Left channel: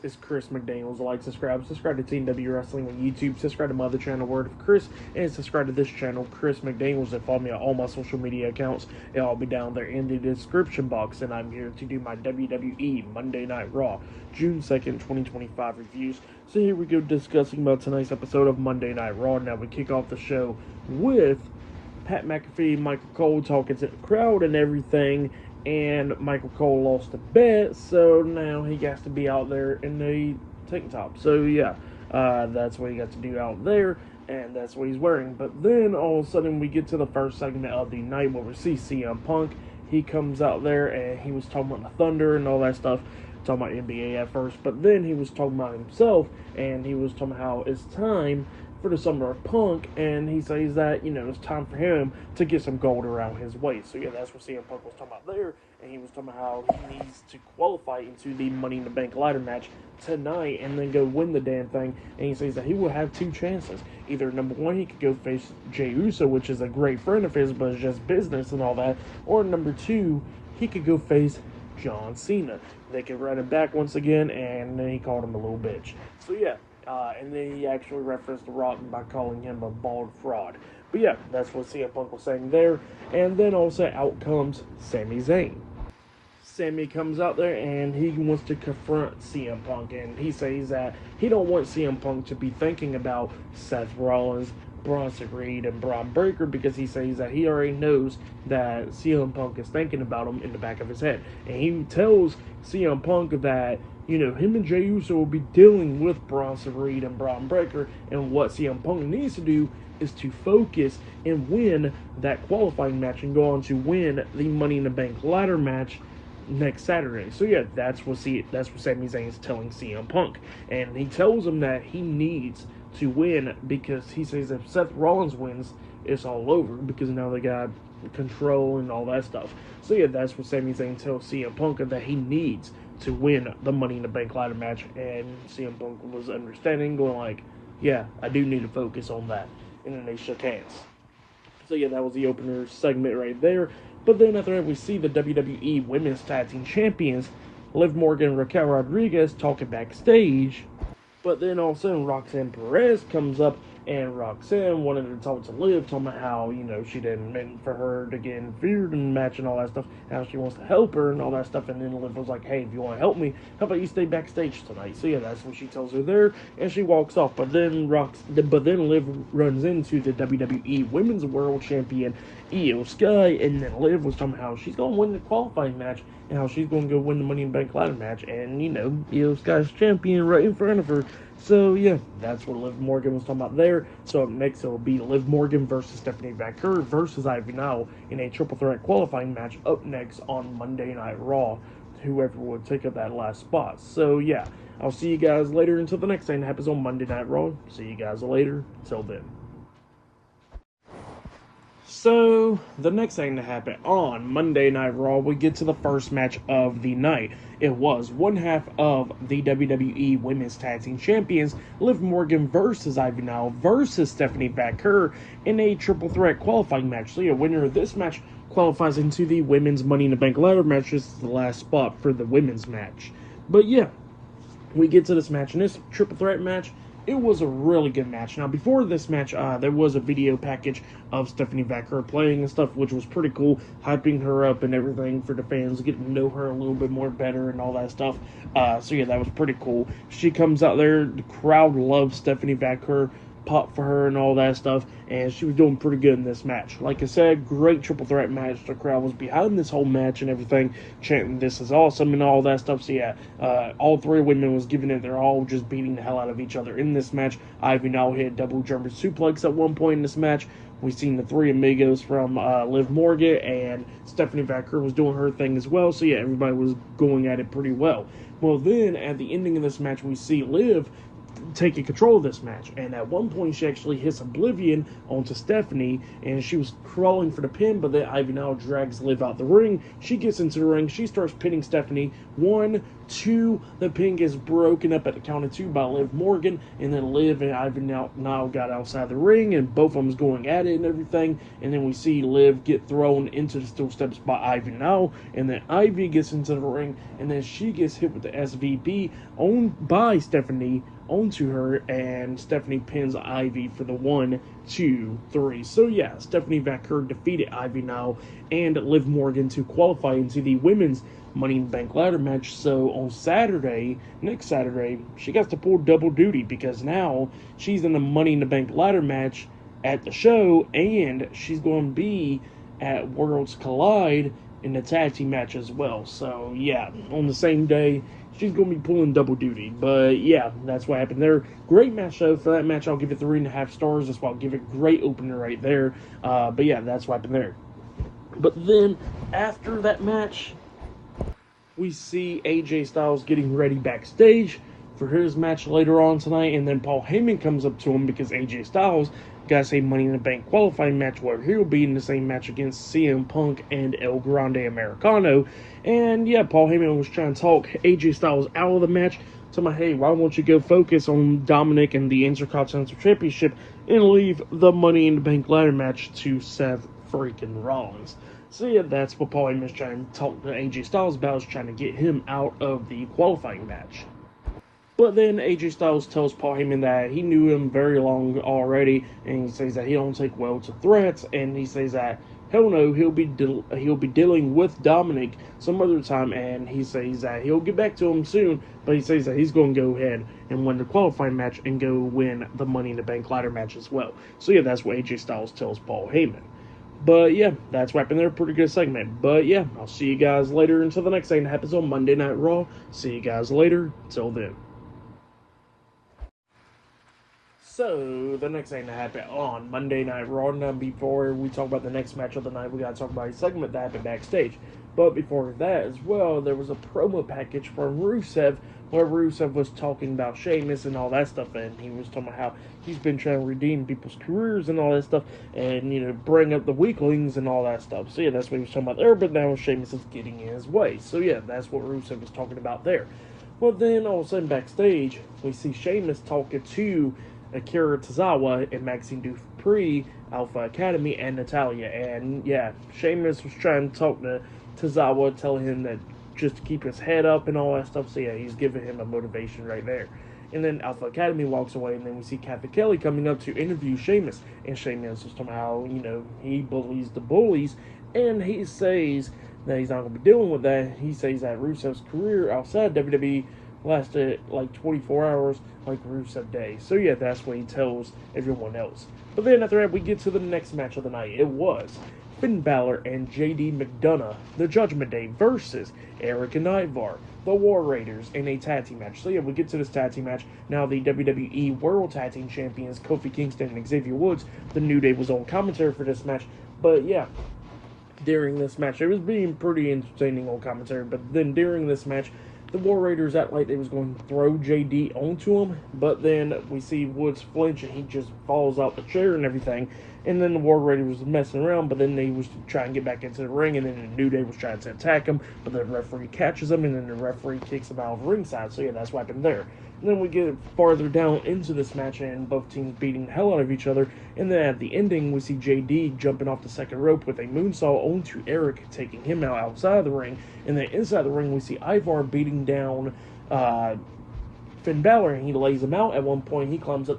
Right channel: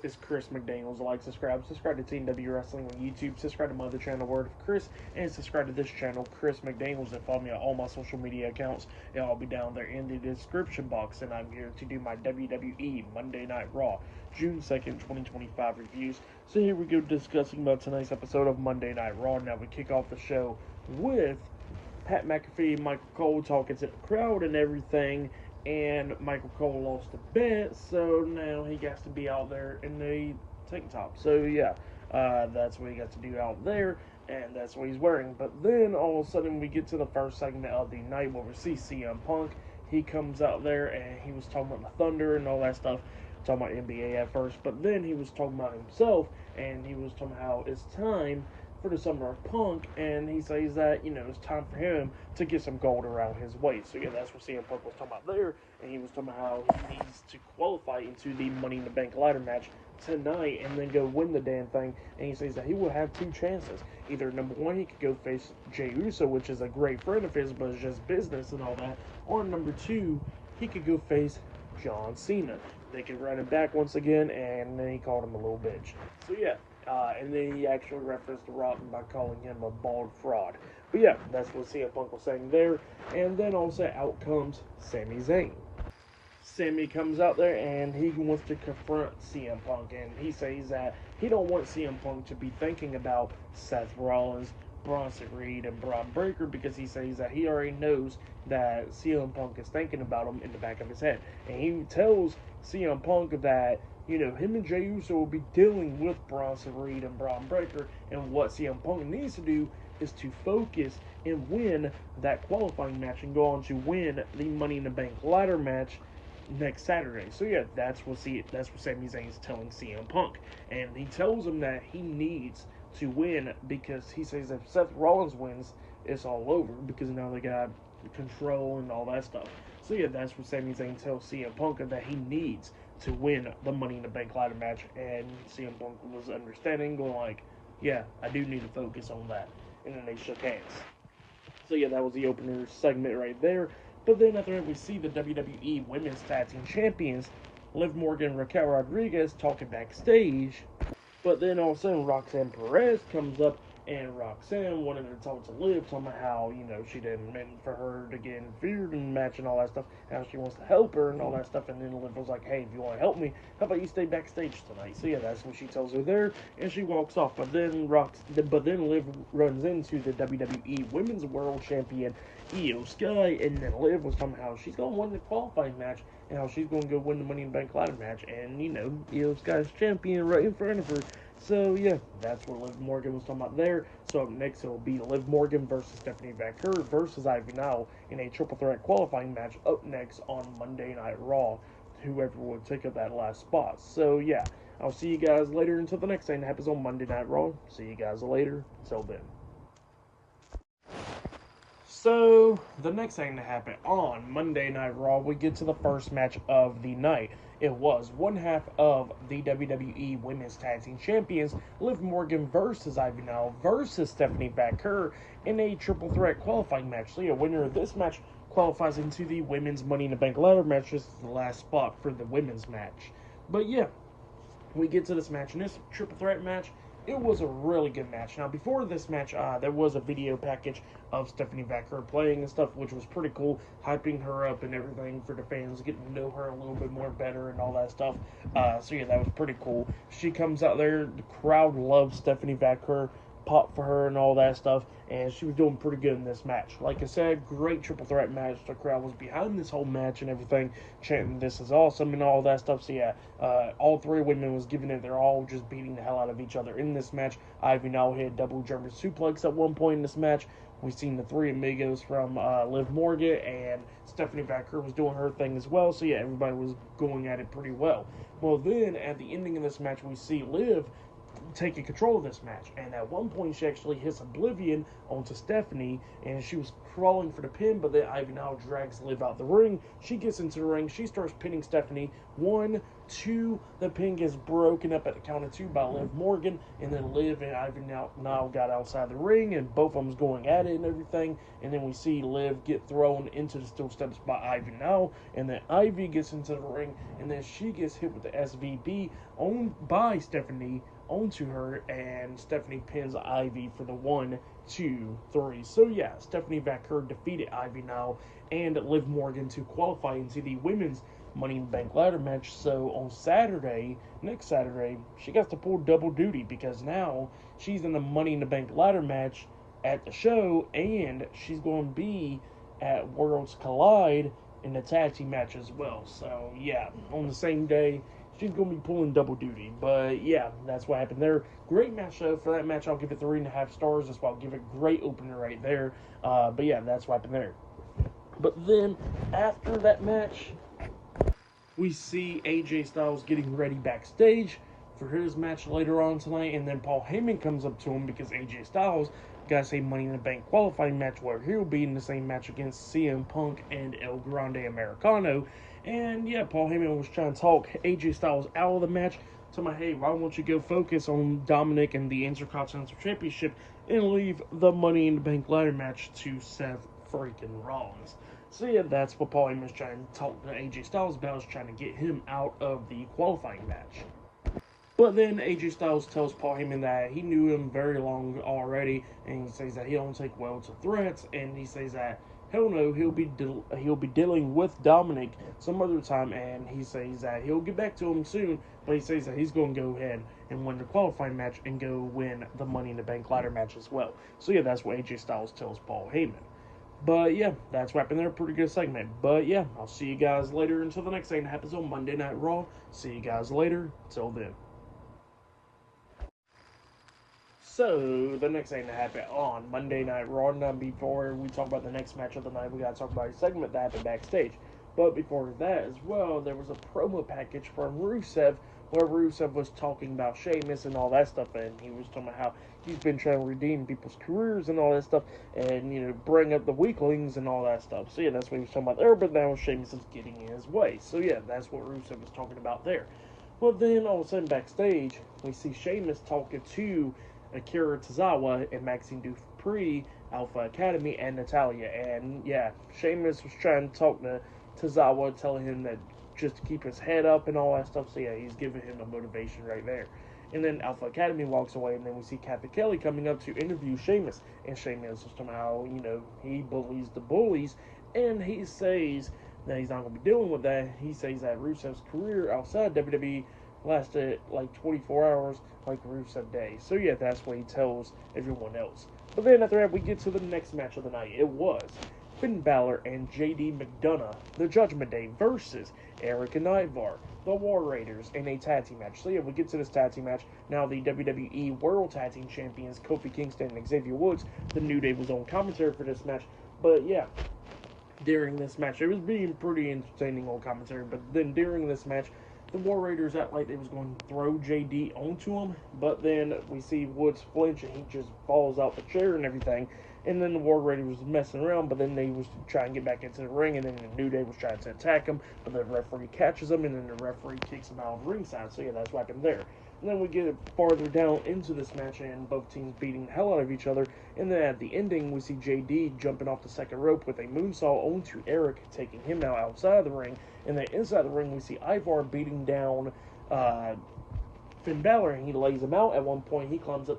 This is Chris McDaniels. Like, subscribe to TNW Wrestling on YouTube, subscribe to my other channel, Word of Chris, and subscribe to this channel, Chris McDaniels, and follow me on all my social media accounts. It'll all be down there in the description box, and I'm here to do my WWE Monday Night Raw, June 2nd, 2025 reviews. So here we go, discussing about tonight's episode of Monday Night Raw. Now we kick off the show with Pat McAfee, Michael Cole talking to the crowd and everything, and Michael Cole lost a bet, so now he has to be out there in the tank top. So yeah, that's what he got to do out there, and that's what he's wearing. But then all of a sudden we get to the first segment of the night where we see CM Punk. He comes out there and he was talking about the Thunder and all that stuff, talking about NBA at first, but then he was talking about himself, and he was talking about how it's time for the Summer of Punk, and he says that, you know, it's time for him to get some gold around his waist. So yeah, that's what CM Punk was talking about there, and he was talking about how he needs to qualify into the Money in the Bank ladder match tonight and then go win the damn thing. And he says that he will have two chances. Either number one, he could go face Jey Uso, which is a great friend of his, but it's just business and all that, or number two, he could go face John Cena. They could run it back once again, and then he called him a little bitch. So yeah, and then he actually referenced The Rock by calling him a bald fraud. But yeah, that's what CM Punk was saying there. And then also out comes Sami Zayn. Sami comes out there and he wants to confront CM Punk, and he says that he don't want CM Punk to be thinking about Seth Rollins, Bronson Reed, and Braun Breaker, because he says that he already knows that CM Punk is thinking about him in the back of his head. And he tells CM Punk that, you know, him and Jey Uso will be dealing with Bronson Reed and Braun Breaker, and what CM Punk needs to do is to focus and win that qualifying match and go on to win the Money in the Bank ladder match next Saturday. So yeah, that's what Sami Zayn is telling CM Punk, and he tells him that he needs to win because he says if Seth Rollins wins, it's all over, because now they got control and all that stuff. So yeah, that's what Sami Zayn tells CM Punk, that he needs to win the Money in the Bank ladder match, and CM Punk was understanding, going like, yeah, I do need to focus on that. And then they shook hands. So yeah, that was the opener segment right there. But then after that, we see the WWE Women's Tag Team Champions, Liv Morgan and Raquel Rodriguez, talking backstage. But then all of a sudden, Roxanne Perez comes up, and Roxanne wanted to talk to Liv, talking about how, you know, she didn't mean for her to get interfered in the match and all that stuff, how she wants to help her and all that stuff. And then Liv was like, hey, if you want to help me, how about you stay backstage tonight? So yeah, that's what she tells her there, and she walks off. But then Liv runs into the WWE Women's World Champion, Io Sky, and then Liv was talking about how she's going to win the qualifying match and how she's going to go win the Money in the Bank ladder match, and, you know, Io Sky's champion right in front of her. So yeah, that's what Liv Morgan was talking about there. So up next, it'll be Liv Morgan versus Stephanie Vaquer versus Ivy Nile in a triple threat qualifying match up next on Monday Night Raw. Whoever would take up that last spot. So yeah, I'll see you guys later until the next thing that happens on Monday Night Raw. See you guys later. Until then. So, the next thing to happen on Monday Night Raw, we get to the first match of the night. It was one half of the WWE Women's Tag Team Champions, Liv Morgan versus Ivy Nile versus Stephanie Vaquer in a triple threat qualifying match. So, yeah, winner of this match qualifies into the Women's Money in the Bank ladder match. This is the last spot for the women's match. But, yeah, we get to this match, and this triple threat match, it was a really good match. Now, before this match, there was a video package of Stephanie Vaquer playing and stuff, which was pretty cool, hyping her up and everything for the fans, getting to know her a little bit more better and all that stuff. So, yeah, that was pretty cool. She comes out there, the crowd loves Stephanie Vaquer, pop for her and all that stuff, and she was doing pretty good in this match. Like I said, great triple threat match. The crowd was behind this whole match and everything, chanting "this is awesome" and all that stuff. So yeah, all three women was giving it. They're all just beating the hell out of each other in this match. Ivy now hit double German suplex at one point in this match. We've seen the three amigos from Liv Morgan, and Stephanie Vaquer was doing her thing as well. So yeah, everybody was going at it pretty well. Well, then at the ending of this match, we see Liv taking control of this match, and at one point she actually hits Oblivion onto Stephanie, and she was crawling for the pin, but then Ivy now drags Liv out the ring. She gets into the ring, she starts pinning Stephanie 1, 2. The pin gets broken up at the count of 2 by Liv Morgan, and then Liv and Ivy now got outside the ring, and both of them going at it and everything. And then we see Liv get thrown into the steel steps by Ivy now, and then Ivy gets into the ring, and then she gets hit with the SVP owned by Stephanie onto her, and Stephanie pins Ivy for the 1, 2, 3. So yeah, Stephanie Vaquer defeated Ivy now and Liv Morgan to qualify into the women's Money in the Bank ladder match. So on Saturday, next Saturday, she got to pull double duty, because now she's in the Money in the Bank ladder match at the show, and she's going to be at Worlds Collide in the tag team match as well. So yeah, on the same day, she's going to be pulling double duty. But yeah, that's what happened there. Great match though. For that match, I'll give it 3.5 stars. That's why I'll give it great opener right there. But yeah, that's what happened there. But then after that match, we see AJ Styles getting ready backstage for his match later on tonight, and then Paul Heyman comes up to him because AJ Styles got a Money in the Bank qualifying match where he'll be in the same match against CM Punk and El Grande Americano. And yeah, Paul Heyman was trying to talk AJ Styles out of the match, telling him, hey, why won't you go focus on Dominic and the Intercontinental Championship and leave the Money in the Bank ladder match to Seth freaking Rollins. So yeah, that's what Paul Heyman's trying to talk to AJ Styles about, is trying to get him out of the qualifying match. But then AJ Styles tells Paul Heyman that he knew him very long already, and he says that he don't take well to threats, and he says that hell no, he'll be dealing with Dominic some other time, and he says that he'll get back to him soon, but he says that he's going to go ahead and win the qualifying match and go win the Money in the Bank ladder match as well. So yeah, that's what AJ Styles tells Paul Heyman. But yeah, that's what happened there. Pretty good segment. But yeah, I'll see you guys later until the next thing that happens on Monday Night Raw. See you guys later. Till then. So, the next thing that happened on Monday Night Raw, now before we talk about the next match of the night, we got to talk about a segment that happened backstage. But before that as well, there was a promo package from Rusev, where Rusev was talking about Sheamus and all that stuff, and he was talking about how he's been trying to redeem people's careers and all that stuff, and, you know, bring up the weaklings and all that stuff. So yeah, that's what he was talking about there, but now Sheamus is getting in his way. So yeah, that's what Rusev was talking about there. Well, then all of a sudden backstage, we see Sheamus talking to Akira Tozawa and Maxine Dupree, Alpha Academy, and Natalia. And yeah, Sheamus was trying to talk to Tozawa, telling him that just to keep his head up and all that stuff. So yeah, he's giving him a motivation right there. And then Alpha Academy walks away, and then we see Kathy Kelly coming up to interview Sheamus. And Sheamus is somehow, you know, he bullies the bullies, and he says that he's not going to be dealing with that. He says that Rusev's career outside WWE lasted like 24 hours, like Rusev Day. So yeah, that's what he tells everyone else. But then after that, we get to the next match of the night. It was Finn Balor and JD McDonough, the Judgment Day, versus Eric and Ivar, the War Raiders, in a tag team match. So yeah, we get to this tag team match. Now the WWE World Tag Team Champions, Kofi Kingston and Xavier Woods, the New Day, was on commentary for this match. But yeah, during this match, it was being pretty entertaining on commentary. But then during this match, the War Raiders act like they was going to throw JD onto him, but then we see Woods flinch and he just falls out the chair and everything. And then the War Raiders was messing around, but then they was trying to get back into the ring, and then the New Day was trying to attack him, but the referee catches him, and then the referee kicks him out of ringside. So yeah, that's what happened there. And then we get farther down into this match, and both teams beating the hell out of each other. And then at the ending, we see JD jumping off the second rope with a moonsault onto Eric, taking him out outside the ring. And then inside the ring, we see Ivar beating down Finn Balor, and he lays him out. At one point, he climbs up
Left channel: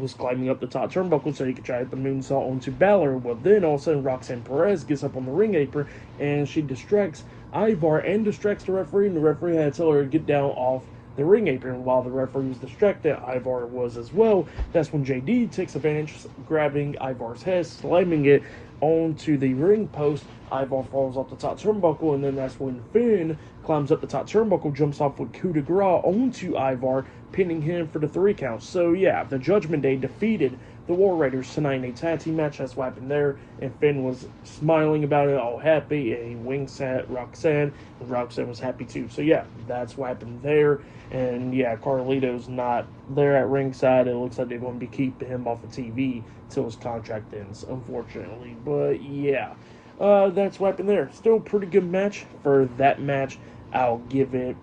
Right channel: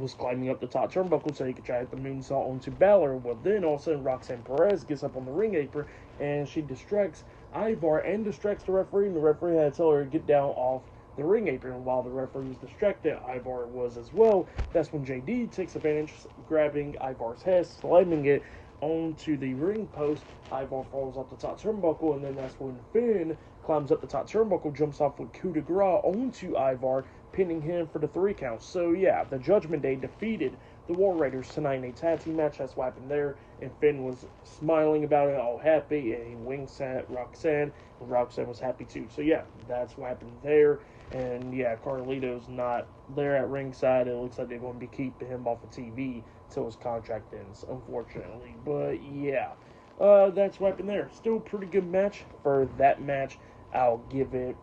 was climbing up the top turnbuckle so he could try to hit the moonsault onto Balor. Well, then all of a sudden, Roxanne Perez gets up on the ring apron, and she distracts Ivar and distracts the referee, and the referee had to tell her to get down off the ring apron. While the referee was distracted, Ivar was as well. That's when JD takes advantage, grabbing Ivar's head, slamming it onto the ring post. Ivar falls off the top turnbuckle, and then that's when Finn climbs up the top turnbuckle, jumps off with coup de grace onto Ivar, pinning him for the 3 count. So yeah, the Judgment Day defeated the War Raiders tonight in a tag team match. That's what happened there, and Finn was smiling about it, all happy, and he winks at Roxanne, and Roxanne was happy too. So yeah, that's what happened there. And yeah, Carlito's not there at ringside. It looks like they're going to be keeping him off of TV till his contract ends, unfortunately. But yeah, that's what happened there. Still a pretty good match for that match. I'll give it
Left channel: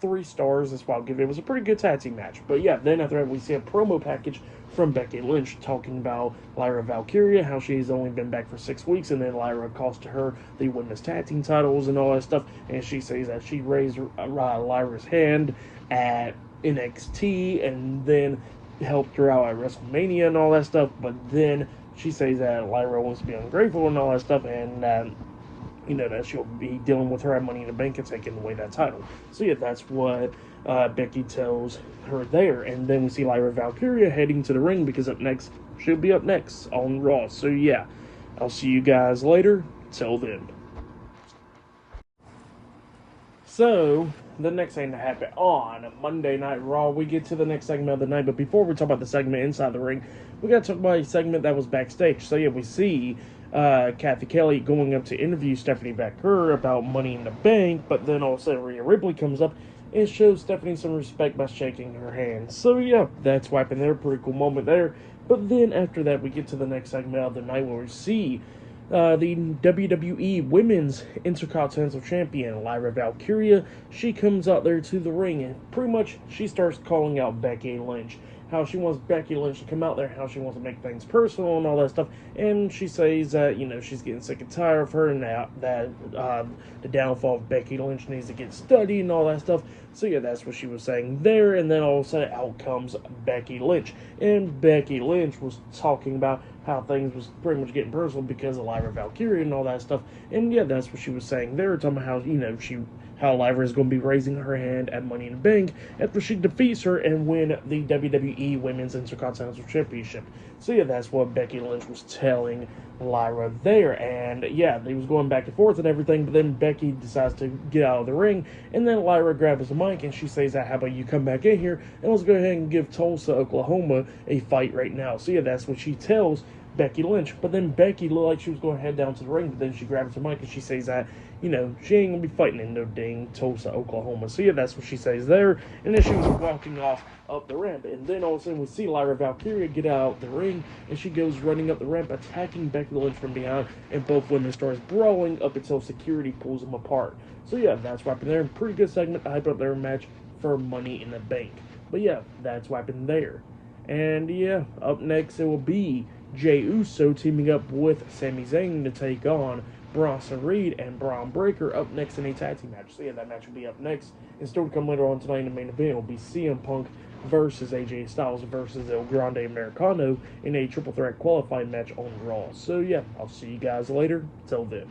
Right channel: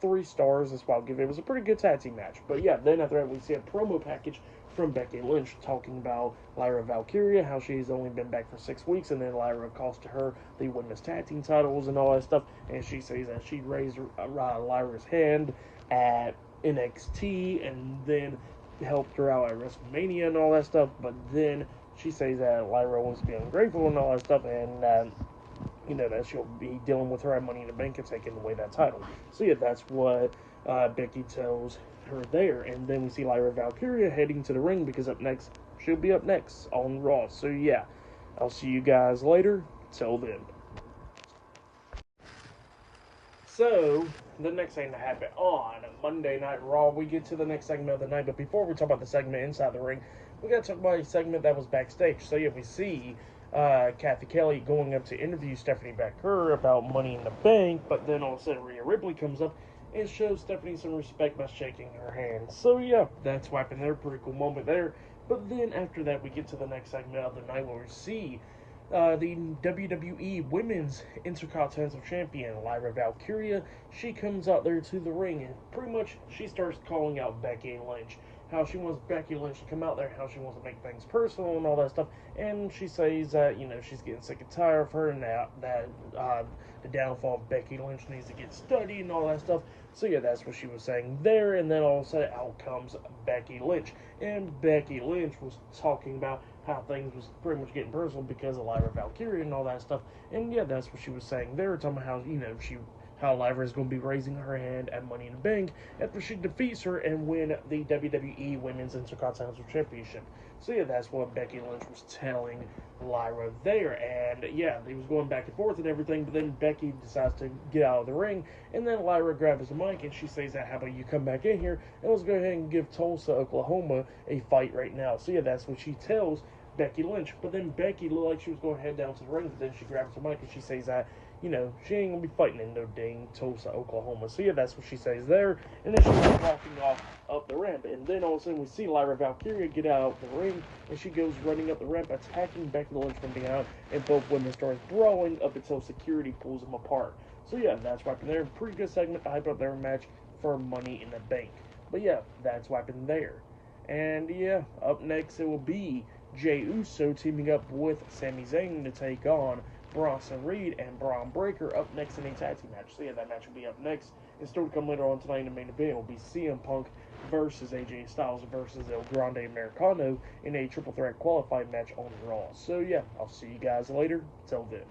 3 stars. That's why I'll give it. It was a pretty good tag team match. But yeah, then after that, we see a promo package from Becky Lynch talking about Lyra Valkyria, how she's only been back for 6 weeks, and then Lyra cost her the women's tag team titles and all that stuff. And she says that she raised Lyra's hand at NXT and then helped her out at WrestleMania and all that stuff. But then she says that Lyra wants to be ungrateful and all that stuff, and that she'll be dealing with her at Money in the Bank and taking away that title. So yeah, that's what Becky tells her there. And then we see Lyra Valkyria heading to the ring because she'll be up next on Raw. So yeah, I'll see you guys later. Till then. So, the next thing that happened on Monday Night Raw, we get to the next segment of the night. But before we talk about the segment inside the ring, we got to talk about a segment that was backstage. So yeah, we see Kathy Kelly going up to interview Stephanie Baker about Money in the Bank, but then all of a sudden Rhea Ripley comes up and shows Stephanie some respect by shaking her hand. So yeah, that's what happened there. Pretty cool moment there. But then after that, we get to the next segment of the night where we see the WWE Women's Intercontinental Champion, Lyra Valkyria. She comes out there to the ring and pretty much she starts calling out Becky Lynch. How she wants Becky Lynch to come out there, how she wants to make things personal and all that stuff. And she says that, she's getting sick and tired of her and that the downfall of Becky Lynch needs to get studied and all that stuff. So yeah, that's what she was saying there. And then all of a sudden out comes Becky Lynch. And Becky Lynch was talking about how things was pretty much getting personal because of Lyra Valkyria and all that stuff. And yeah, that's what she was saying there, talking about how, how Lyra is going to be raising her hand at Money in the Bank after she defeats her and win the WWE Women's Intercontinental Championship. So yeah, that's what Becky Lynch was telling Lyra there. And yeah, they was going back and forth and everything, but then Becky decides to get out of the ring, and then Lyra grabs the mic and she says that, how about you come back in here and let's go ahead and give Tulsa, Oklahoma a fight right now. So yeah, that's what she tells Becky Lynch. But then Becky looked like she was going to head down to the ring, but then she grabs her mic and she says that, she ain't going to be fighting in no dang Tulsa, Oklahoma. So yeah, that's what she says there. And then she was walking off up the ramp. And then all of a sudden we see Lyra Valkyria get out of the ring, and she goes running up the ramp, attacking Becky Lynch from behind, and both women starts brawling up until security pulls them apart. So yeah, that's what happened there. Pretty good segment to hype up their match for Money in the Bank. But yeah, that's what happened there. And yeah, up next it will be Jey Uso teaming up with Sami Zayn to take on Bronson Reed and Braun Breaker up next in a tag team match. So yeah, that match will be up next. And still to come later on tonight in the main event, it will be CM Punk versus AJ Styles versus El Grande Americano in a triple threat qualifying match on Raw. So yeah, I'll see you guys later. Till then.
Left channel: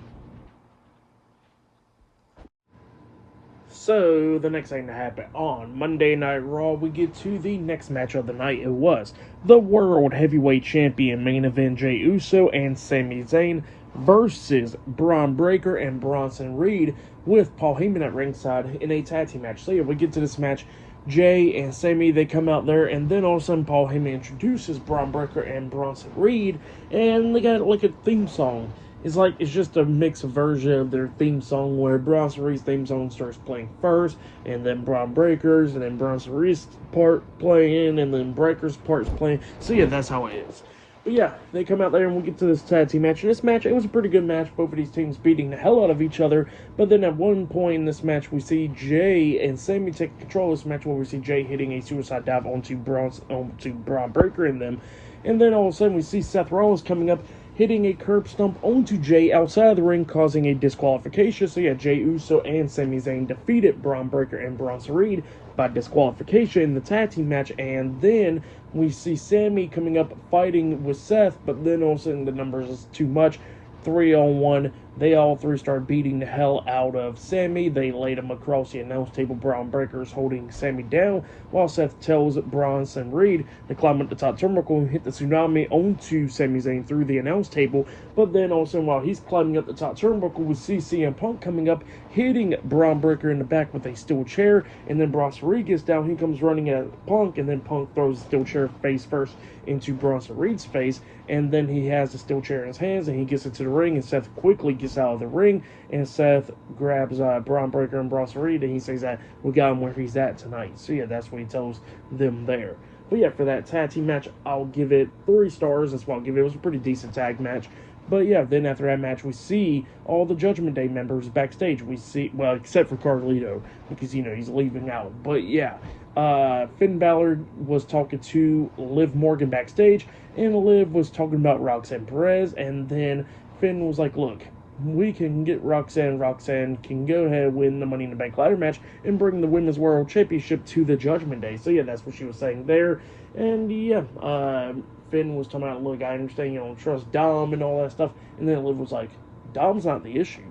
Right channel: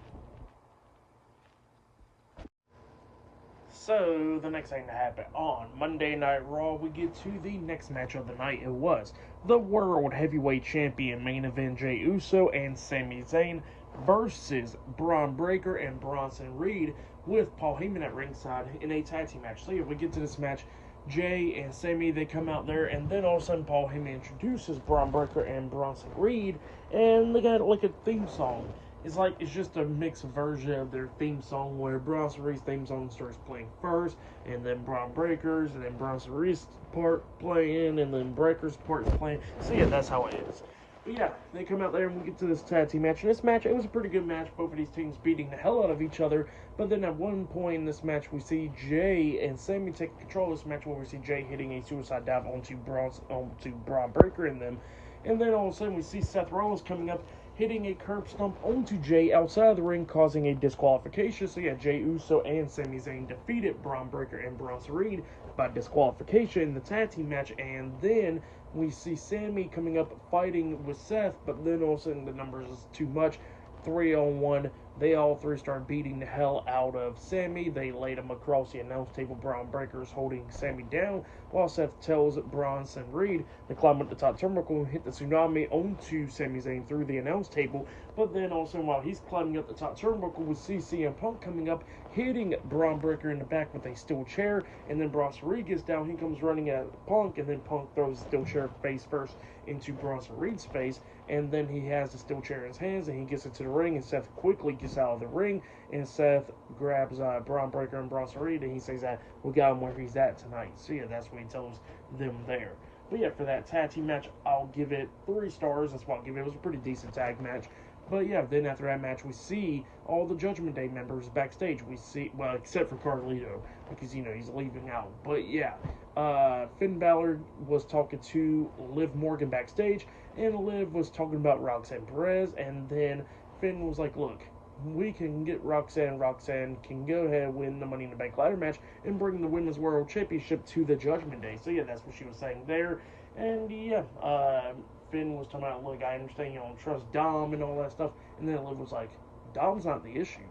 So, the next thing to happen on Monday Night Raw, we get to the next match of the night. It was the World Heavyweight Champion main event, Jey Uso and Sami Zayn versus Braun Breaker and Bronson Reed with Paul Heyman at ringside in a tag team match. So yeah, we get to this match. Jay and Sami, they come out there, and then all of a sudden Paul Heyman introduces Braun Breaker and Bronson Reed, and they got like a theme song. It's just a mixed version of their theme song where Bronson Reed's theme song starts playing first, and then Braun Breaker's, and then Bronson Reed's part playing, and then Breaker's part's playing. So yeah, that's how it is. But yeah, they come out there and we'll get to this tag team match. And this match, it was a pretty good match. Both of these teams beating the hell out of each other. But then at one point in this match, we see Jay and Sami take control of this match where we see Jay hitting a suicide dive onto Braun Breaker and them. And then all of a sudden we see Seth Rollins coming up, hitting a curb stomp onto Jay outside of the ring, causing a disqualification. So yeah, Jey Uso and Sami Zayn defeated Braun Breaker and Bronson Reed by disqualification in the tag team match. And then we see Sami coming up fighting with Seth, but then all of a sudden the numbers is too much. 3-on-1, they all three start beating the hell out of Sami. They laid him across the announce table. Braun Breaker's holding Sami down, while Seth tells Bronson Reed to climb up the top turnbuckle and hit the tsunami onto Sami Zayn through the announce table. But then also while he's climbing up the top turnbuckle, we see CM Punk coming up, hitting Braun Breaker in the back with a steel chair, and then Bronson Reed gets down. He comes running at Punk, and then Punk throws the steel chair face first into Bronson Reed's face, and then he has the steel chair in his hands, and he gets into the ring, and Seth quickly gets out of the ring, and Seth grabs Braun Breaker and Bronson Reed, and he says that we got him where he's at tonight. So yeah, that's what he tells them there. But yeah, for that tag team match, I'll give it 3 stars. That's what I'll give it. It was a pretty decent tag match. But yeah, then after that match, we see all the Judgment Day members backstage. We see, well, except for Carlito, because, you know, he's leaving out. But yeah, Finn Balor was talking to Liv Morgan backstage, and Liv was talking about Roxanne Perez, and then Finn was like, look, we can get Roxanne. Roxanne can go ahead and win the Money in the Bank ladder match and bring the Women's World Championship to the Judgment Day. So yeah, that's what she was saying there. And yeah, Finn was talking about, look, I understand you don't trust Dom and all that stuff. And then Liv was like, Dom's not the issue.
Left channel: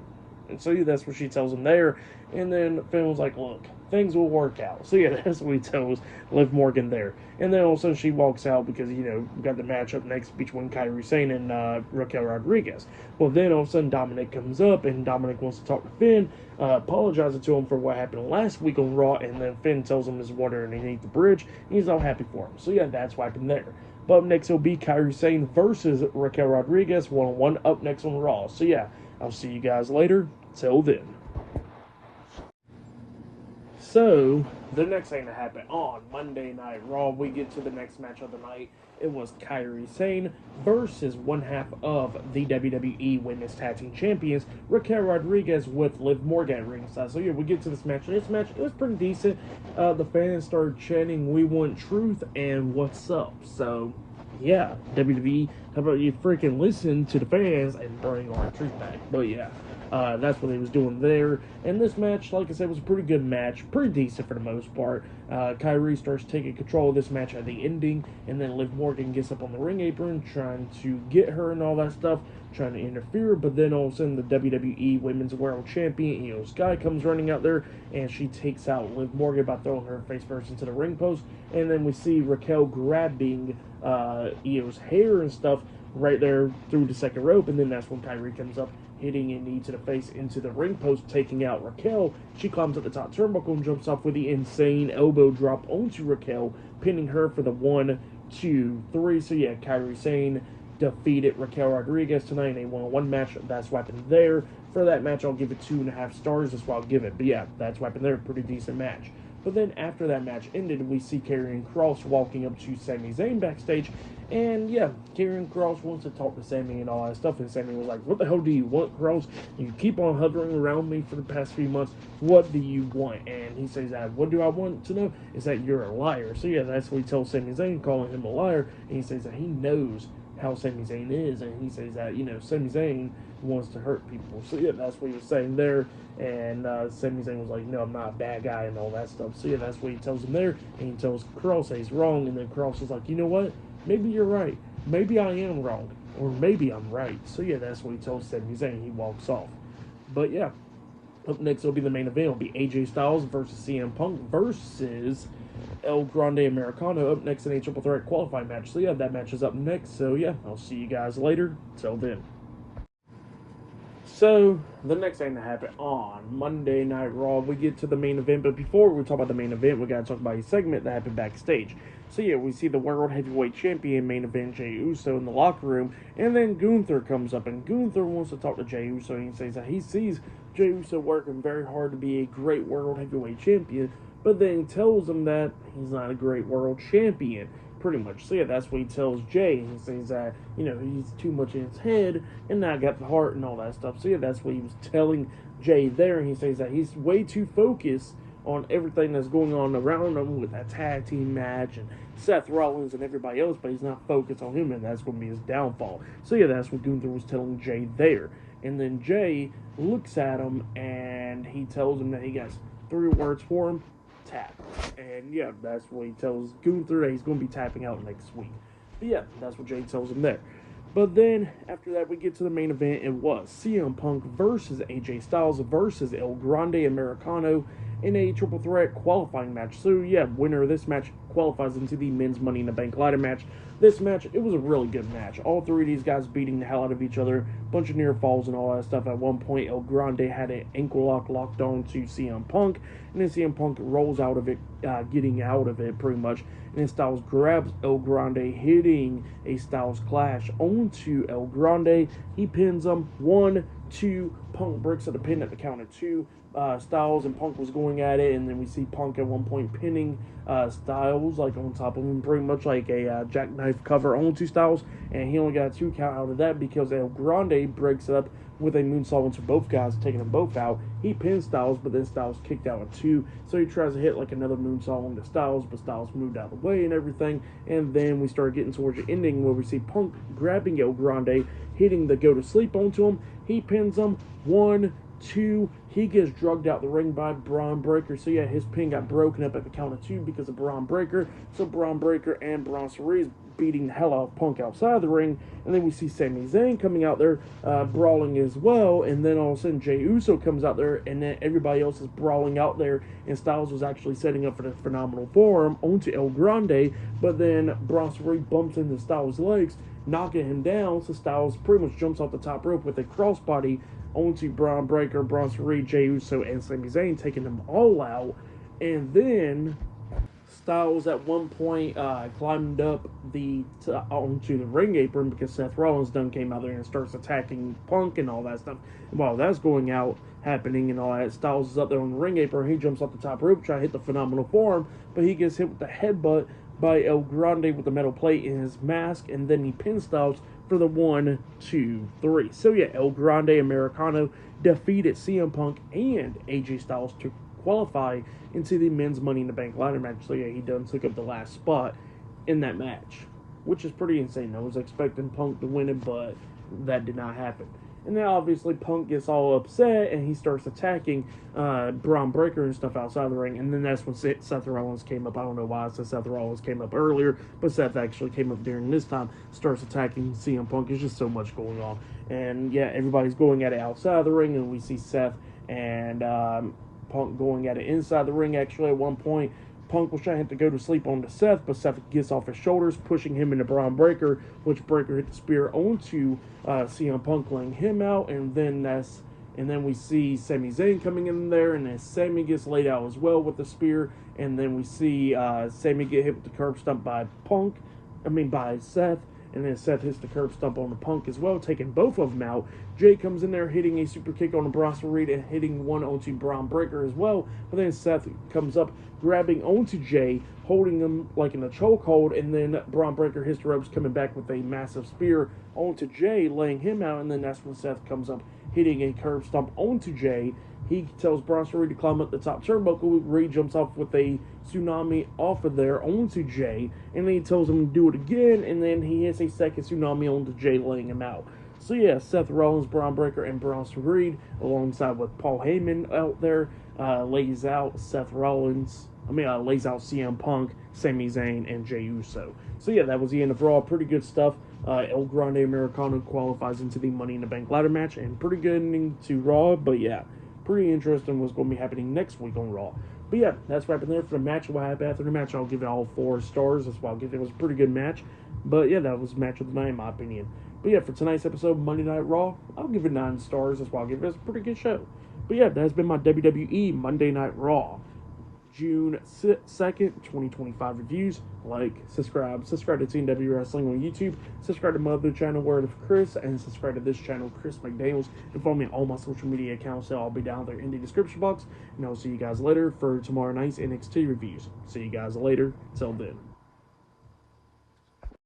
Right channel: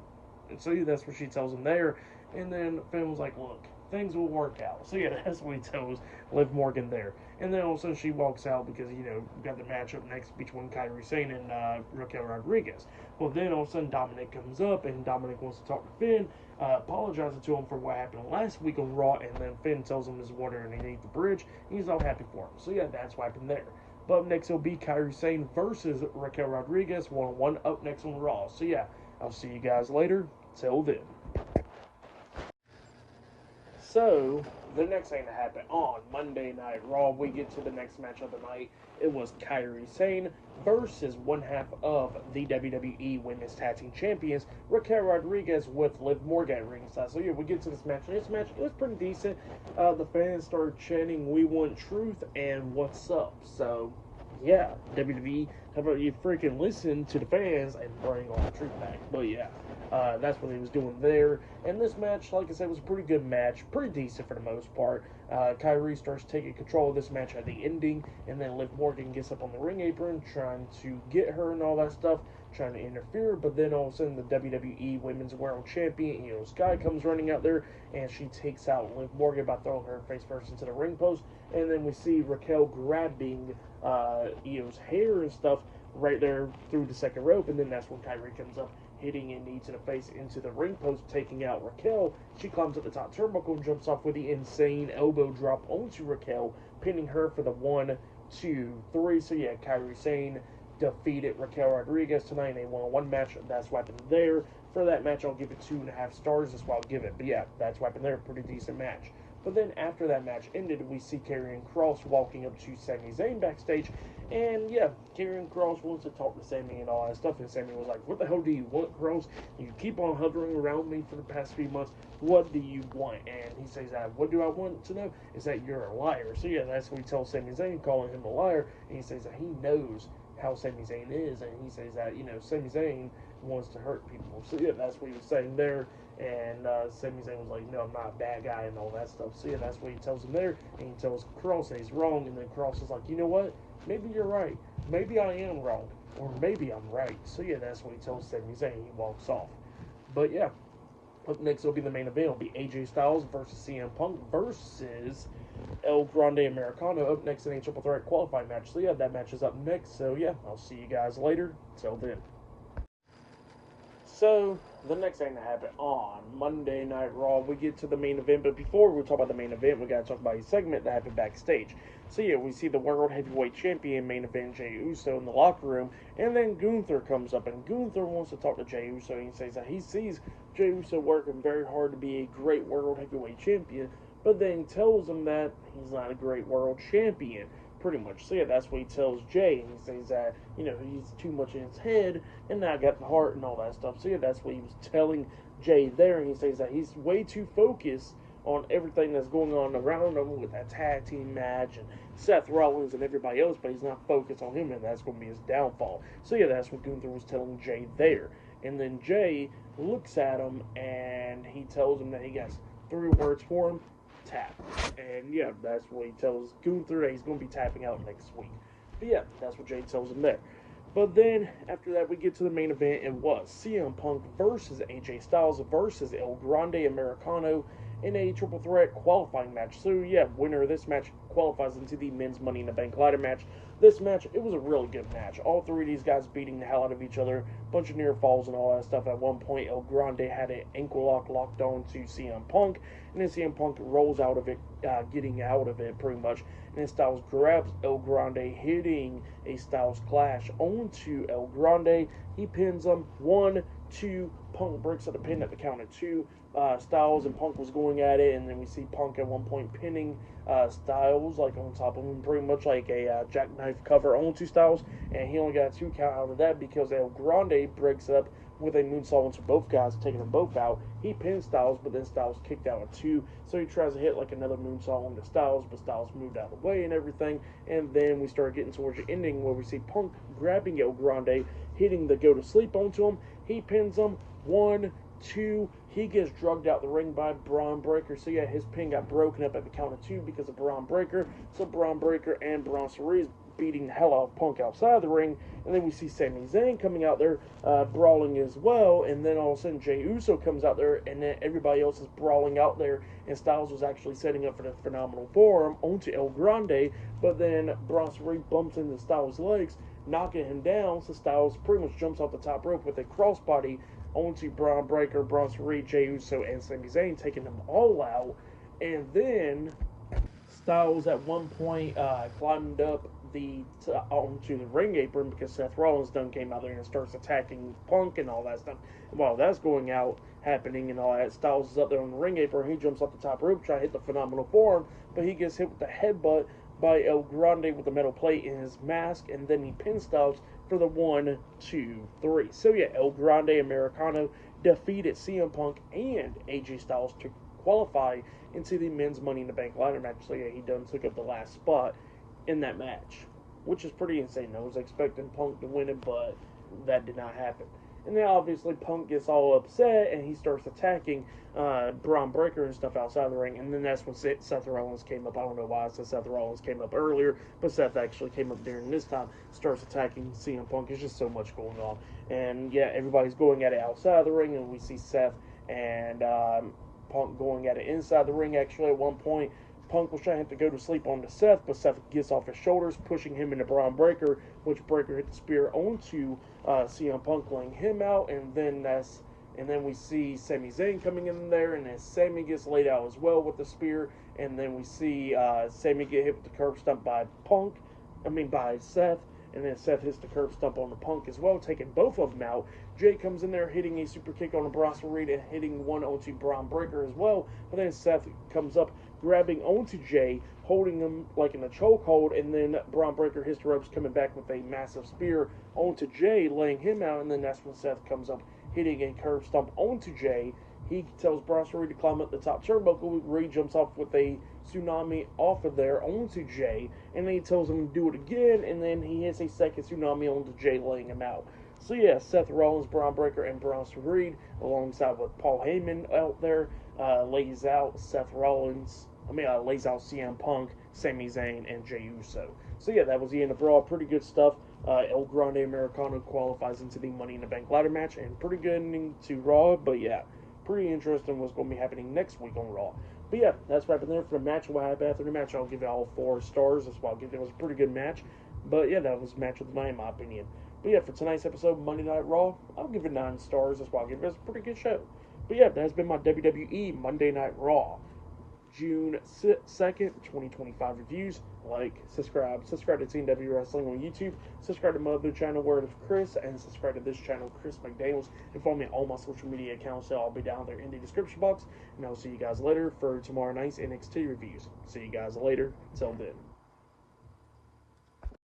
And so yeah, that's what she tells him there. And then Finn was like, look, things will work out. So yeah, that's what he tells Liv Morgan there. And then all of a sudden she walks out because, you know, we got the matchup next between Kairi Sane and Raquel Rodriguez. Well, then all of a sudden Dominic comes up, and Dominic wants to talk to Finn, apologizing to him for what happened last week on Raw, and then Finn tells him his water underneath the bridge, and he's all happy for him. So yeah, that's what happened there. But up next will be Kairi Sane versus Raquel Rodriguez, one-on-one, up next on Raw. So yeah, I'll see you guys later. Till then. So, the next thing that happened on Monday Night Raw, we get to the next match of the night. It was Kairi Sane versus one half of the WWE Women's Tag Team Champions, Raquel Rodriguez, with Liv Morgan at ringside. So yeah, we get to this match. This match, it was pretty decent. The fans started chanting, "We want truth," and "What's up?" So yeah, WWE, how about you freaking listen to the fans and bring our truth back? But yeah, that's what he was doing there. And this match, like I said, was a pretty good match, pretty decent for the most part. Kyrie starts taking control of this match at the ending, and then Liv Morgan gets up on the ring apron, trying to get her and all that stuff, trying to interfere. But then all of a sudden, the WWE Women's World Champion, Io Sky, comes running out there, and she takes out Liv Morgan by throwing her face first into the ring post. And then we see Raquel grabbing Io's hair and stuff right there through the second rope, and then that's when Kyrie comes up, hitting a knee to the face into the ring post, taking out Raquel. She climbs up the top turnbuckle and jumps off with the insane elbow drop onto Raquel, pinning her for the 1, 2, 3. So yeah, Kairi Sane defeated Raquel Rodriguez tonight in a one-on-one match. That's what happened there. For that match, I'll give it 2.5 stars. That's what I'll give it. But yeah, that's what happened there. Pretty decent match. But then after that match ended, we see Karrion Kross walking up to Sami Zayn backstage. And yeah, Karrion Kross wants to talk to Sami and all that stuff. And Sami was like, what the hell do you want, Kross? You keep on hovering around me for the past few months. What do you want? And he says, what do I want to know? Is that you're a liar. So yeah, that's what he tells Sami Zayn, calling him a liar. And he says that he knows how Sami Zayn is. And he says that, you know, Sami Zayn wants to hurt people. So yeah, that's what he was saying there. And Sami Zayn was like, no, I'm not a bad guy and all that stuff. So yeah, that's what he tells him there. And he tells Kross that he's wrong. And then Kross is like, you know what? Maybe you're right. Maybe I am wrong. Or maybe I'm right. So yeah, that's what he tells Sami Zayn. He walks off. But yeah, up next will be the main event. It'll be AJ Styles versus CM Punk versus El Grande Americano up next in a triple threat qualifying match. So yeah, that match is up next. So yeah, I'll see you guys later. Till then. So, the next thing that happened on Monday Night Raw, we get to the main event. But before we talk about the main event, we got to talk about a segment that happened backstage. So yeah, we see the World Heavyweight Champion main event, Jey Uso, in the locker room. And then Gunther comes up, and Gunther wants to talk to Jey Uso. And he says that he sees Jey Uso working very hard to be a great World Heavyweight Champion. But then he tells him that he's not a great World Champion. Pretty much. So yeah, that's what he tells Jay. He says that, you know, he's too much in his head and not got the heart and all that stuff. So yeah, that's what he was telling Jay there. And he says that he's way too focused on everything that's going on around him with that tag team match and Seth Rollins and everybody else, but he's not focused on him, and that's going to be his downfall. So yeah, that's what Gunther was telling Jay there. And then Jay looks at him and he tells him that he got 3 words for him. Tap. And yeah, that's what he tells Gunther that he's going to be tapping out next week. But yeah, that's what Jay tells him there. But then, after that, we get to the main event. It was CM Punk versus AJ Styles versus El Grande Americano in a triple threat qualifying match. So yeah, winner of this match qualifies into the men's Money in the Bank ladder match. This match, it was a really good match. All 3 of these guys beating the hell out of each other. Bunch of near falls and all that stuff. At one point, El Grande had an ankle lock locked on to CM Punk. And then CM Punk rolls out of it, getting out of it pretty much. And then Styles grabs El Grande, hitting a Styles Clash onto El Grande. He pins him. 1, 2. Punk breaks up the pin at the count of 2. Styles and Punk was going at it, and then we see Punk at one point pinning Styles like on top of him, pretty much like a jackknife cover onto Styles, and he only got a 2 count out of that because El Grande breaks it up with a moonsault into both guys, taking them both out. He pins Styles, but then Styles kicked out at 2, so he tries to hit like another moonsault onto Styles, but Styles moved out of the way and everything, and then we start getting towards the ending where we see Punk grabbing El Grande, hitting the go to sleep onto him. He pins him, 1, 2, he gets drugged out the ring by Braun Breaker. So yeah, his pin got broken up at the count of 2 because of Braun Breaker. So Braun Breaker and Bronson Reed's beating the hell out of Punk outside the ring. And then we see Sami Zayn coming out there brawling as well. And then all of a sudden Jey Uso comes out there, and then everybody else is brawling out there. And Styles was actually setting up for the phenomenal forearm onto El Grande. But then Bronson Reed bumps into Styles' legs, knocking him down. So Styles pretty much jumps off the top rope with a crossbody onto Braun Breaker, Bronson Reed, Jey Uso, and Sami Zayn, taking them all out. And then Styles at one point climbed up onto the ring apron because Seth Rollins done came out there and starts attacking Punk and all that stuff. And while that's happening and all that, Styles is up there on the ring apron. He jumps off the top rope, trying to hit the phenomenal forearm, but he gets hit with the headbutt by El Grande with the metal plate in his mask, and then he pins Styles for the 1, 2, 3. So yeah, El Grande Americano defeated CM Punk and AJ Styles to qualify into the men's Money in the Bank ladder match. So yeah, he done took up the last spot in that match, which is pretty insane. I was expecting Punk to win it, but that did not happen. And then obviously Punk gets all upset and he starts attacking Braun Breaker and stuff outside the ring. And then that's when Seth Rollins came up. I don't know why I said Seth Rollins came up earlier, but Seth actually came up during this time, starts attacking CM Punk. There's just so much going on. And yeah, everybody's going at it outside the ring, and we see Seth and Punk going at it inside the ring. Actually, at one point, Punk was trying to go to sleep on Seth, but Seth gets off his shoulders, pushing him into Braun Breaker, which Breaker hit the spear onto CM Punk, laying him out, and then we see Sami Zayn coming in there, and then Sami gets laid out as well with the spear, and then we see Sami get hit with the curb stomp by Seth, and then Seth hits the curb stomp on the Punk as well, taking both of them out. Jay comes in there hitting a super kick on the Bronson Reed and hitting one onto Braun Breaker as well, but then Seth comes up, grabbing onto Jay, holding him like in a chokehold, and then Braun Breaker hits the ropes, coming back with a massive spear onto Jay, laying him out, and then that's when Seth comes up, hitting a curb stomp onto Jay. He tells Bronson Reed to climb up the top turnbuckle. Reed jumps off with a tsunami off of there onto Jay, and then he tells him to do it again, and then he hits a second tsunami onto Jay, laying him out. So yeah, Seth Rollins, Braun Breaker, and Bronson Reed, alongside with Paul Heyman out there, lays out CM Punk, Sami Zayn, and Jey Uso. So yeah, that was the end of Raw. Pretty good stuff. El Grande Americano qualifies into the Money in the Bank ladder match, and pretty good ending to Raw, but yeah, pretty interesting what's going to be happening next week on Raw. But yeah, that's right there for the match. What happened after the match, I'll give it all 4 stars. That's why I'll give it. It was a pretty good match. But yeah, that was match of the night in my opinion. But yeah, for tonight's episode of Monday Night Raw, I'll give it 9 stars. That's why I'll give it. It's a pretty good show. But yeah, that has been my WWE Monday Night Raw, June 2nd, 2025 reviews. Like, subscribe to TNW Wrestling on YouTube, subscribe to my other channel, Word of Chris, and subscribe to this channel, Chris McDaniels, and follow me on all my social media accounts. They'll all be down there in the description box, and I'll see you guys later for tomorrow night's NXT reviews. See you guys later. Till then.